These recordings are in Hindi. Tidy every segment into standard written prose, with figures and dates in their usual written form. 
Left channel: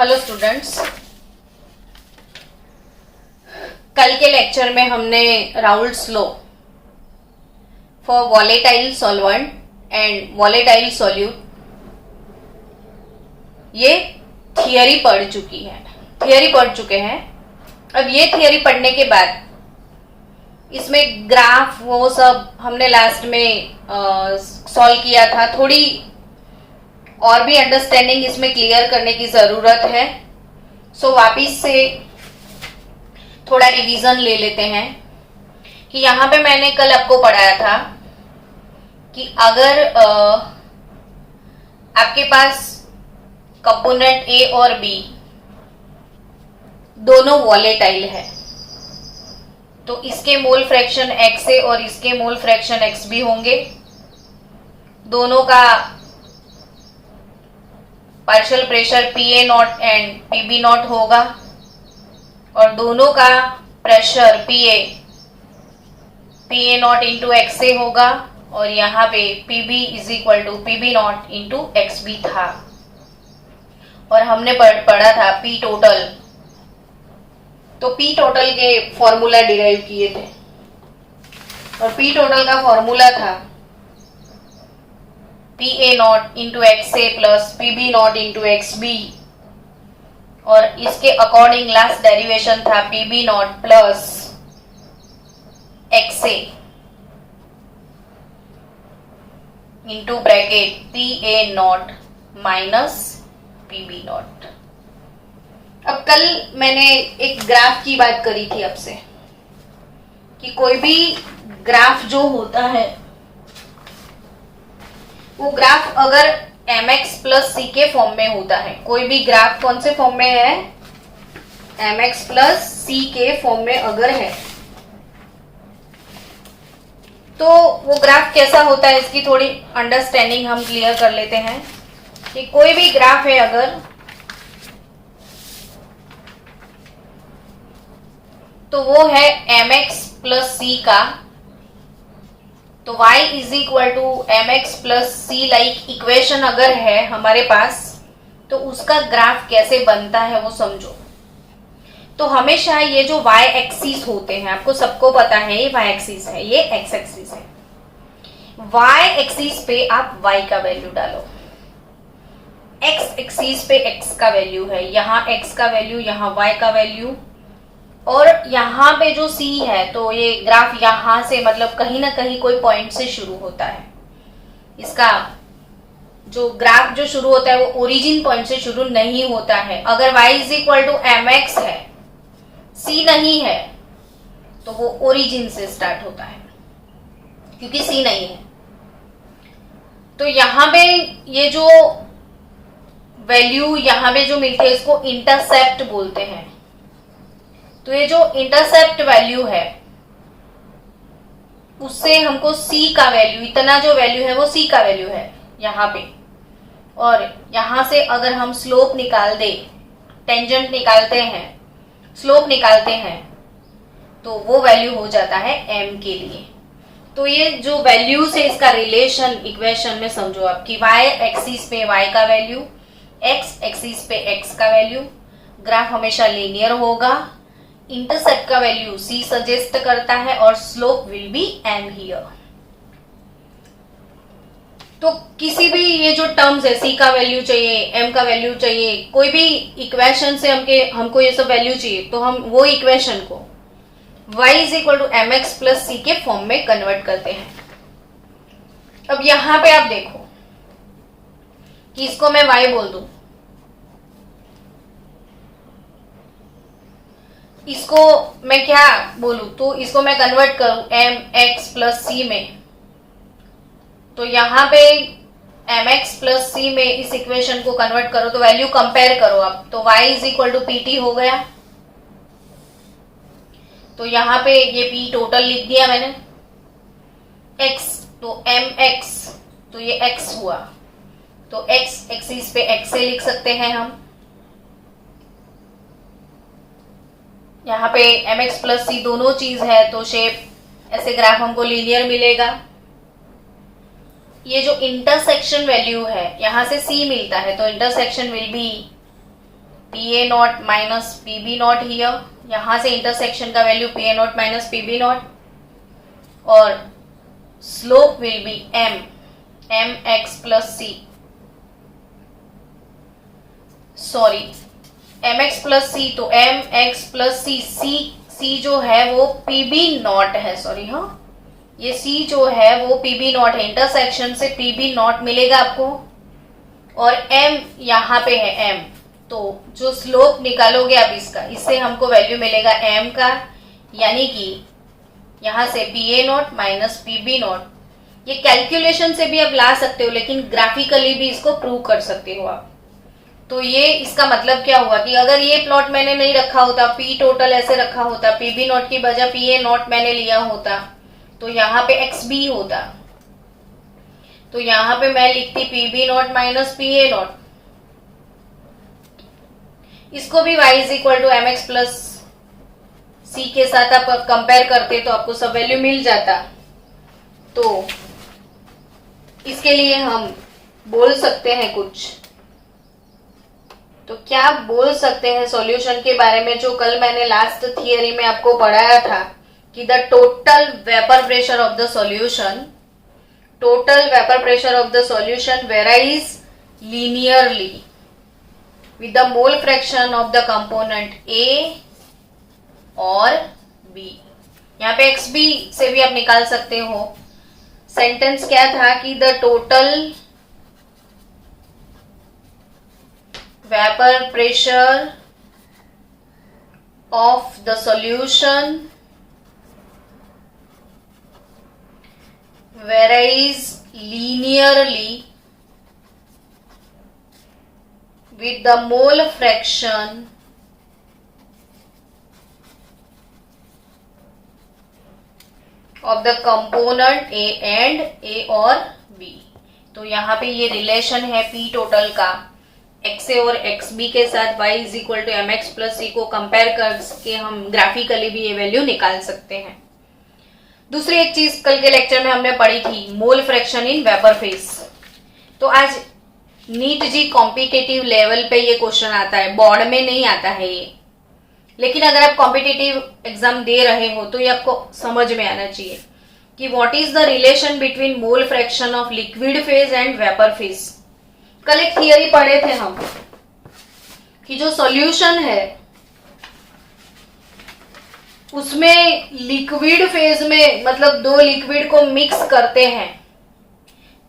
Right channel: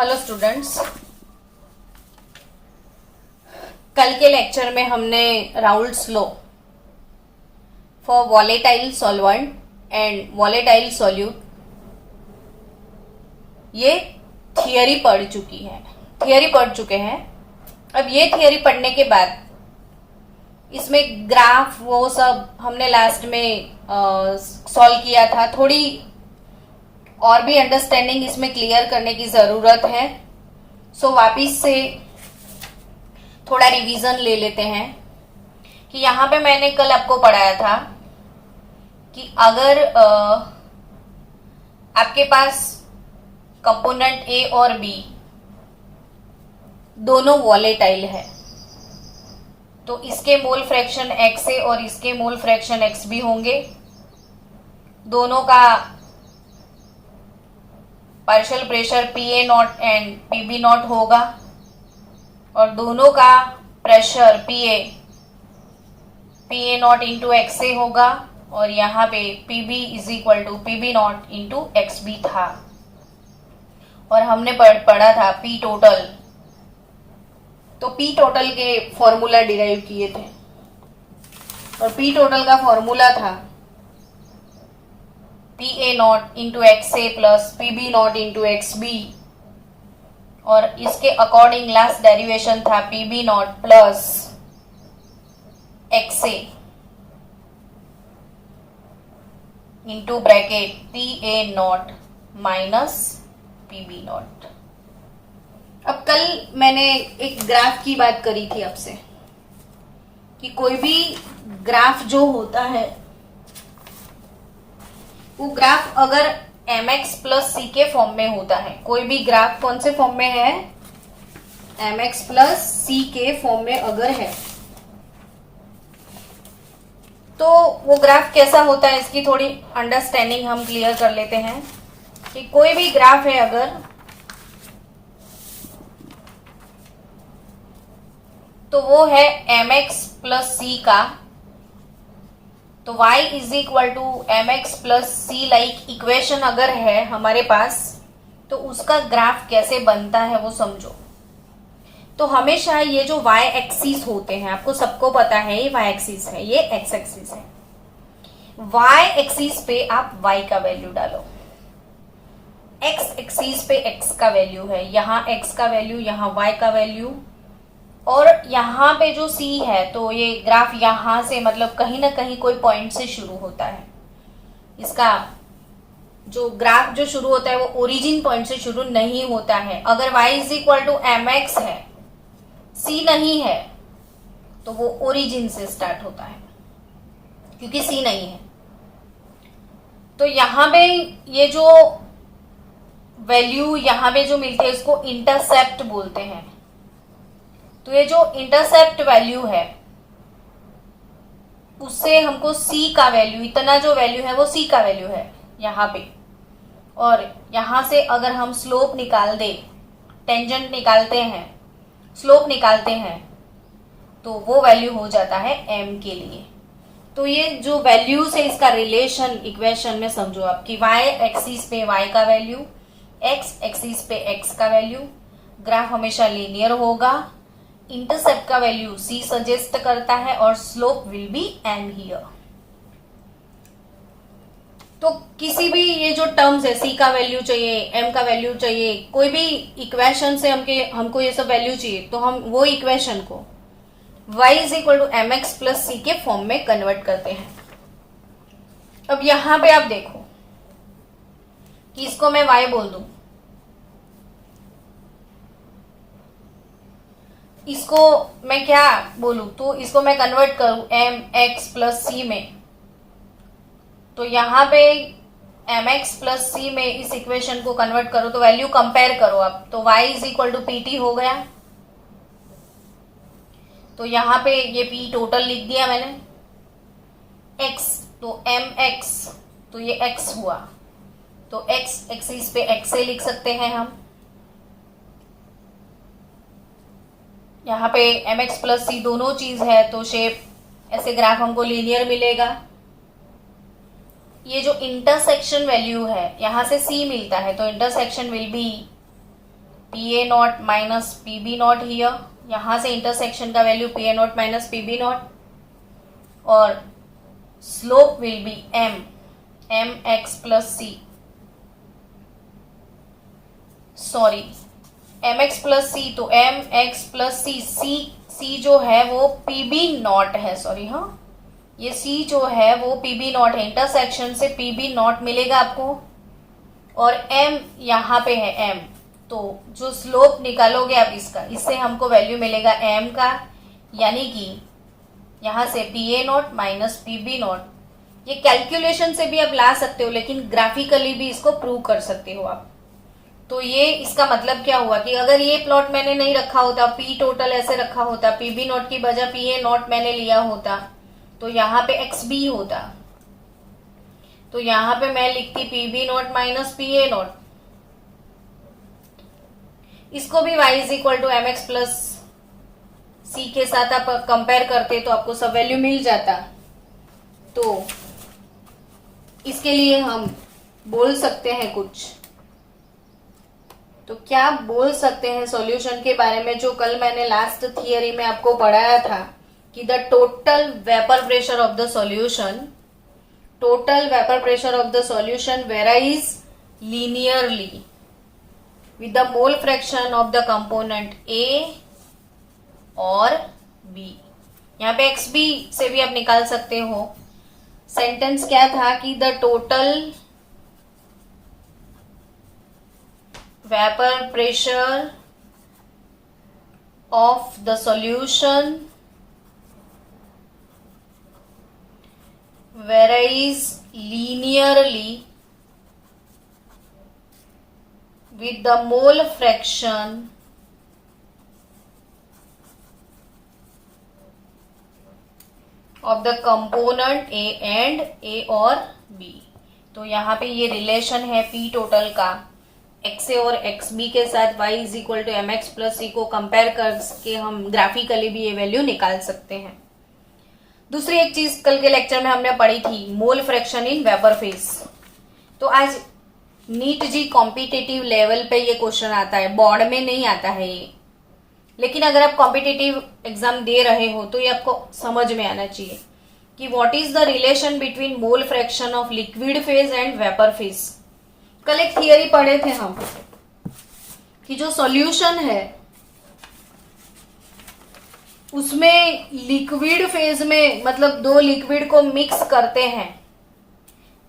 हेलो स्टूडेंट्स, कल के लेक्चर में हमने Raoult's law for volatile solvent and volatile solute ये थियरी पढ़ चुके हैं। अब ये थियरी पढ़ने के बाद इसमें ग्राफ वो सब हमने लास्ट में सॉल्व किया था। थोड़ी और भी अंडरस्टैंडिंग इसमें क्लियर करने की ज़रूरत है। सो वापिस से थोड़ा रिवीजन ले लेते हैं कि यहाँ पे मैंने कल आपको पढ़ाया था कि अगर आपके पास कंपोनेंट ए और बी दोनों वॉलेटाइल है तो इसके मोल फ्रैक्शन एक्स ए और इसके मोल फ्रैक्शन एक्स बी होंगे। दोनों का partial pressure P A naught and P B naught होगा और दोनों का pressure P A naught into X A होगा और यहाँ पे P B is equal to P B naught into x B था। और हमने पढ़ा था पी टोटल, तो पी टोटल के फॉर्मूला डिराइव किए थे और पी टोटल का फॉर्मूला था P A naught into X A plus P B naught into x B और इसके अकॉर्डिंग लास्ट डेरिवेशन था P B naught plus x A into bracket P A naught minus P B naught. अब कल मैंने एक ग्राफ की बात करी थी आपसे कि कोई भी ग्राफ जो होता है वो ग्राफ अगर mx प्लस सी के फॉर्म में होता है, कोई भी ग्राफ कौन से फॉर्म में है, mx प्लस सी के फॉर्म में अगर है तो वो ग्राफ कैसा होता है इसकी थोड़ी अंडरस्टैंडिंग हम क्लियर कर लेते हैं कि कोई भी ग्राफ है अगर तो वो है mx प्लस सी का, तो y is equal to M x plus C like equation अगर है हमारे पास तो उसका ग्राफ कैसे बनता है वो समझो। तो हमेशा ये जो y एक्सिस होते हैं आपको सबको पता है ये y एक्सिस है, ये x एक्सिस है। y एक्सिस पे आप y का वैल्यू डालो, x एक्सिस पे x का वैल्यू है, यहाँ x का वैल्यू, यहाँ y का वैल्यू और यहाँ पे जो C है तो ये ग्राफ यहाँ से मतलब कहीं ना कहीं कोई पॉइंट से शुरू होता है। इसका जो ग्राफ जो शुरू होता है वो ओरिजिन पॉइंट से शुरू नहीं होता है। अगर y is equal to M x है, C नहीं है तो वो ओरिजिन से स्टार्ट होता है क्योंकि C नहीं है। तो यहाँ पे ये जो वैल्यू यहाँ पे जो मिलती है इसको इंटरसेप्ट बोलते हैं। तो ये जो इंटरसेप्ट वैल्यू है उससे हमको C का वैल्यू, इतना जो वैल्यू है वो C का वैल्यू है यहाँ पे, और यहाँ से अगर हम स्लोप निकाल दे, टेंजेंट निकालते हैं, स्लोप निकालते हैं तो वो वैल्यू हो जाता है m के लिए। तो ये जो वैल्यू से इसका रिलेशन इक्वेशन में समझो आप कि y एक्सिस पे y का वैल्यू, x एक्सिस पे x का वैल्यू, ग्राफ हमेशा लीनियर होगा, इंटरसेप्ट का वैल्यू C सजेस्ट करता है और slope will be m here. तो किसी भी ये जो टर्म्स है C का वैल्यू चाहिए, m का वैल्यू चाहिए, कोई भी इक्वेशन से हमको ये सब वैल्यू चाहिए तो हम वो इक्वेशन को y is equal to M x plus C के फॉर्म में कन्वर्ट करते हैं। अब यहां पे आप देखो कि इसको मैं y बोल दूं, इसको मैं क्या बोलूं, तो इसको मैं कन्वर्ट करूं एम एक्स प्लस सी में, तो यहाँ पे एम एक्स प्लस सी में इस इक्वेशन को कन्वर्ट करो तो वैल्यू कंपेयर करो आप, तो y is equal to P T हो गया। तो यहाँ पे ये p टोटल लिख दिया मैंने, x तो एम एक्स तो ये x हुआ, तो x एक्सिस पे x से लिख सकते हैं हम। यहाँ पे एम एक्स प्लस सी दोनों चीज है तो शेप ऐसे ग्राफ हमको लीनियर मिलेगा। ये जो इंटरसेक्शन वैल्यू है, यहां से C मिलता है तो intersection will be P A naught minus P B naught here, यहां से इंटरसेक्शन का value P A naught minus P B naught, और slope will be M x plus C, sorry M x plus C, तो M x plus C, C जो है वो पी बी नॉट है, सॉरी हाँ, ये सी जो है वो पी बी नॉट है, इंटरसेक्शन से पी बी नॉट मिलेगा आपको, और एम यहाँ पे है एम, तो जो स्लोप निकालोगे आप इसका, इससे हमको वैल्यू मिलेगा एम का, यानी कि यहां से P A naught minus P B naught, ये कैलकुलेशन से भी आप ला सकते हो, लेकिन ग्राफिकली भी इसको प्रूव कर सकते हो आप। तो ये इसका मतलब क्या हुआ कि अगर ये प्लॉट मैंने नहीं रखा होता, पी टोटल ऐसे रखा होता, पी बी नॉट की बजाय पी ए नॉट मैंने लिया होता, तो यहाँ पे एक्स बी होता, तो यहाँ पे मैं लिखती P B naught minus P A naught, इसको भी y is equal to M x plus C के साथ आप कंपेयर करते तो आपको सब वैल्यू मिल जाता। तो इसके लिए हम बोल सकते हैं कुछ, तो क्या बोल सकते हैं सॉल्यूशन के बारे में, जो कल मैंने लास्ट थियरी में आपको पढ़ाया था कि the total vapour pressure of the solution, total vapor pressure of the solution varies linearly with the mole fraction of the component A और B। यहाँ पे XB से भी आप निकाल सकते हो। सेंटेंस क्या था कि the total vapour pressure of the solution varies linearly with the mole fraction of the component A and A और B। तो यहाँ पे ये रिलेशन है P टोटल का XA और XB के साथ y is equal to M x plus C को कंपेयर करके हम ग्राफिकली भी ये वैल्यू निकाल सकते हैं। दूसरी एक चीज कल के लेक्चर में हमने पढ़ी थी, mole fraction in vapour phase. तो आज नीट जी कॉम्पिटिटिव लेवल पे ये क्वेश्चन आता है, बोर्ड में नहीं आता है ये, लेकिन अगर आप कॉम्पिटिटिव एग्जाम दे रहे हो तो ये आपको समझ में आना चाहिए कि what is the relation between mole fraction of liquid phase and vapour phase. कल एक थियरी पढ़े थे हम कि जो सॉल्यूशन है उसमें लिक्विड फेज में, मतलब दो लिक्विड को मिक्स करते हैं,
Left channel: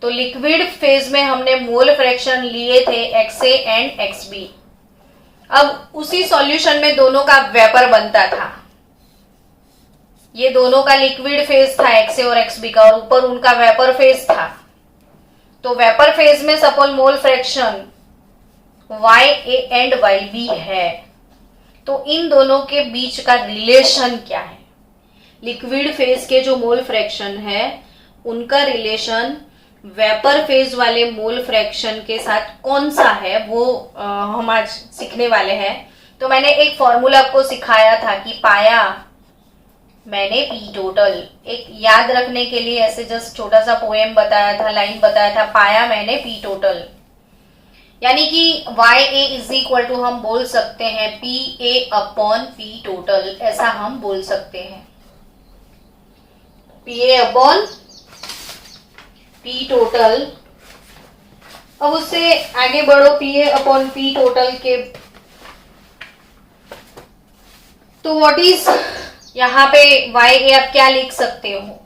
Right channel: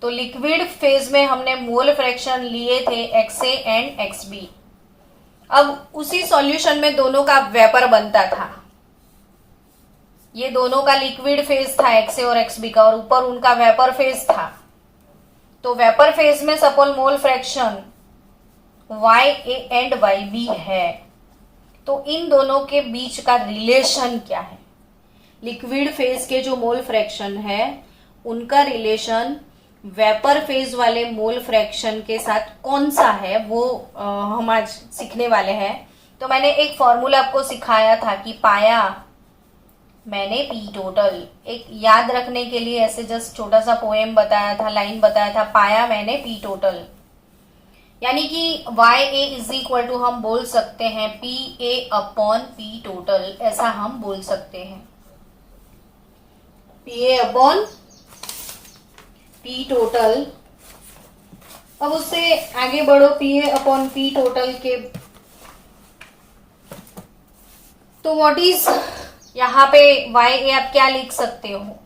तो लिक्विड फेज में हमने मोल फ्रैक्शन लिए थे XA एंड XB। अब उसी सॉल्यूशन में दोनों का वेपर बनता था, ये दोनों का लिक्विड फेज था XA और XB का, और ऊपर उनका वेपर फेज था। तो वेपर फेज में suppose mole fraction YA and YB है, तो इन दोनों के बीच का रिलेशन क्या है, लिक्विड फेज के जो मोल फ्रैक्शन है उनका रिलेशन वेपर फेज वाले मोल फ्रैक्शन के साथ कौन सा है, वो हम आज सीखने वाले हैं। तो मैंने एक फॉर्मूला आपको सिखाया था कि पाया मैंने पी टोटल, एक याद रखने के लिए ऐसे जस्ट छोटा सा पोएम बताया था, लाइन बताया था, पाया मैंने पी टोटल, यानी कि YA इज इक्वल टू हम बोल सकते हैं PA अपॉन P टोटल, ऐसा हम बोल सकते हैं, PA अपॉन P टोटल। अब उससे आगे बढ़ो PA अपॉन P टोटल के, तो व्हाट इज यहाँ पे YA आप क्या लिख सकते हो,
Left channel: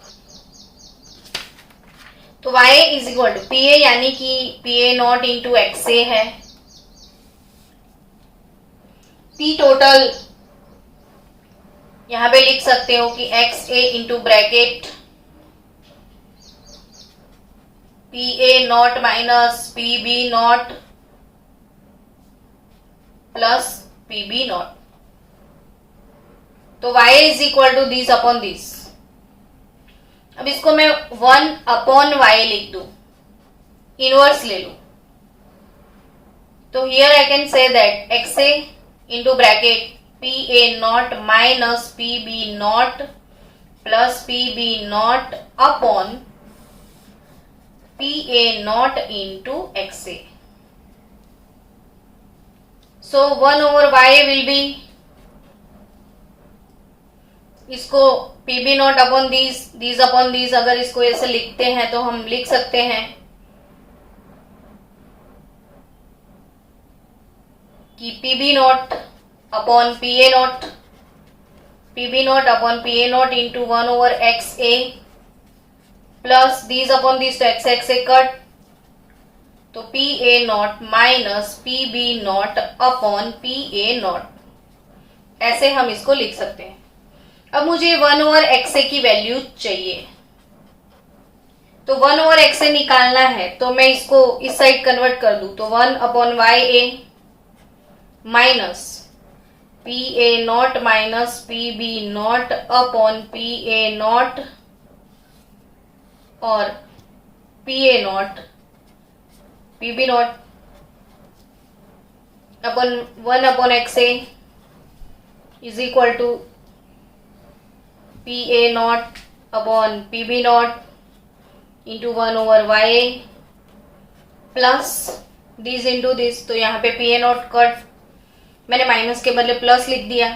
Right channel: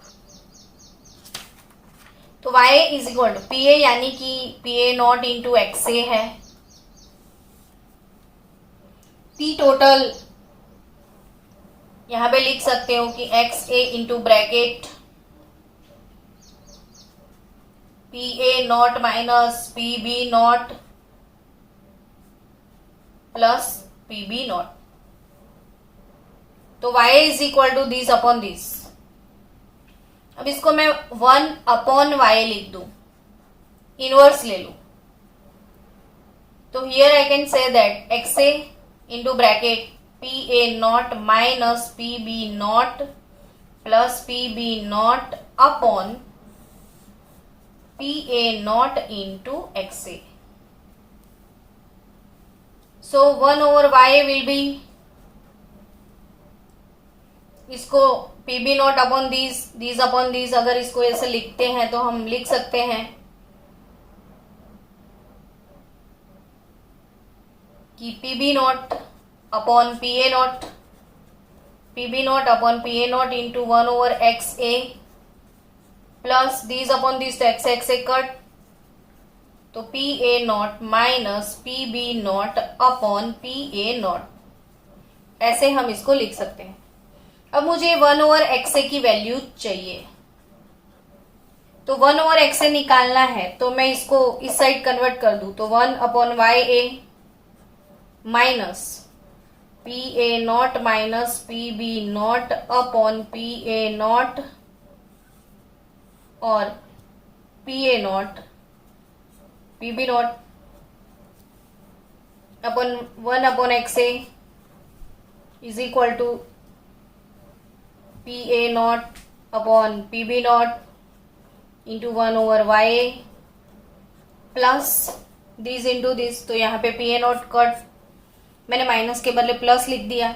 तो y is equal to P A, यानी कि P A naught into XA है, P टोटल यहां पे लिख सकते हो कि XA into bracket P A naught minus P B naught plus P B naught. तो y is equal to this upon this. अब इसको मैं 1 अपॉन y लिख दू, इनवर्स ले लू, तो here I can say that XA into bracket P A naught minus P B naught plus P B naught upon P A naught into XA। So 1/y will be, इसको P B naught upon these upon these, अगर इसको ऐसे लिखते हैं तो हम लिख सकते हैं कि P B naught upon P A naught, P B naught upon P A naught into 1/xa plus these upon these, तो एक्स एक्स से कट, तो P A naught minus P B naught upon P A naught, ऐसे हम इसको लिख सकते हैं। अब मुझे 1/xa की वैल्यू चाहिए, तो 1/xa निकालना है, तो मैं इसको इस साइड कन्वर्ट कर दूं, तो 1/ya minus P A naught minus P B naught upon P A naught और P A naught P B naught upon 1/xa is equal to P A naught upon P B naught into 1/ya plus this into this, तो यहाँ पे पी ए नॉट कट, मैंने माइनस के बदले प्लस लिख दिया,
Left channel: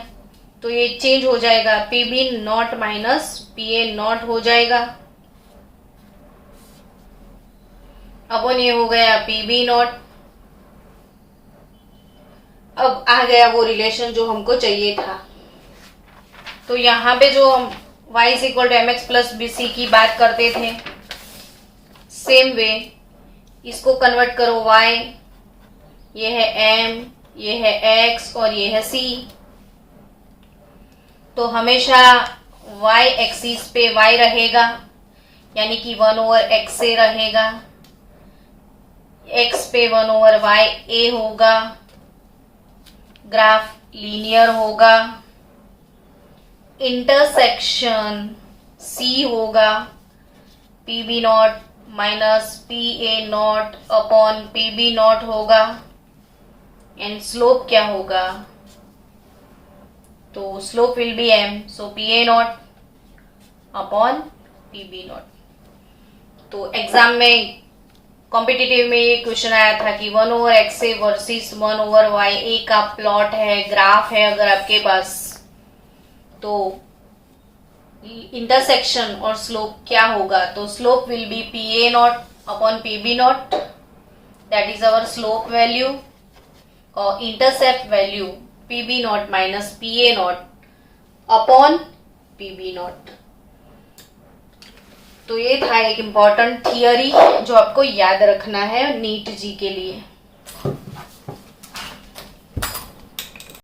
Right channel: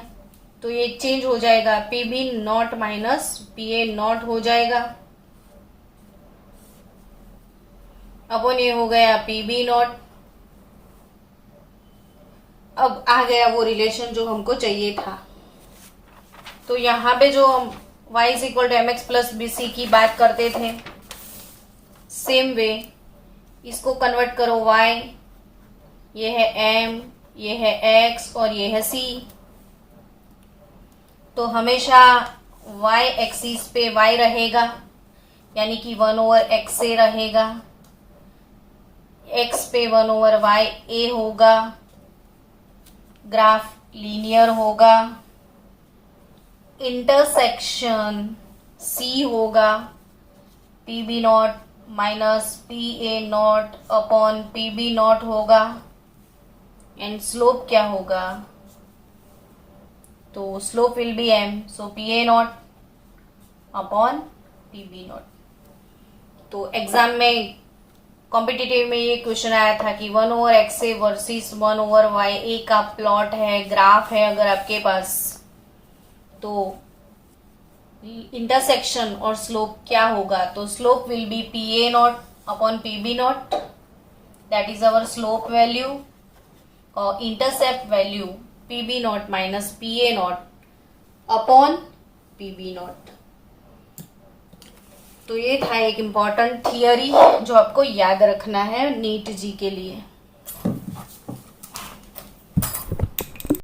तो ये चेंज हो जाएगा, P B naught minus P A naught हो जाएगा, अपॉन ये हो गया पी बी नॉट। अब आ गया वो रिलेशन जो हमको चाहिए था, तो यहाँ पे जो हम y is equal to M x plus B C की बात करते थे, सेम वे इसको कन्वर्ट करो y, ये है m, ये है x और ये है c, तो हमेशा y एक्सिस पे y रहेगा, यानी कि 1/xa रहेगा, x पे 1/ya होगा, ग्राफ लीनियर होगा, इंटरसेक्शन c होगा, P B naught minus P A naught upon P B naught होगा, एंड स्लोप क्या होगा, तो slope will be m, so P A naught upon P B naught. तो एग्जाम में कॉम्पिटिटिव में ये क्वेश्चन आया था कि 1/xa वर्सेस 1/ya का प्लॉट है, ग्राफ है अगर आपके पास, तो इंटरसेक्शन और स्लोप क्या होगा, तो slope will be P A naught upon P B naught, that is our slope value, और intercept value P B naught minus P A naught upon P B naught. तो ये था एक इम्पॉर्टेंट थियरी जो आपको याद रखना है नीट जी के लिए।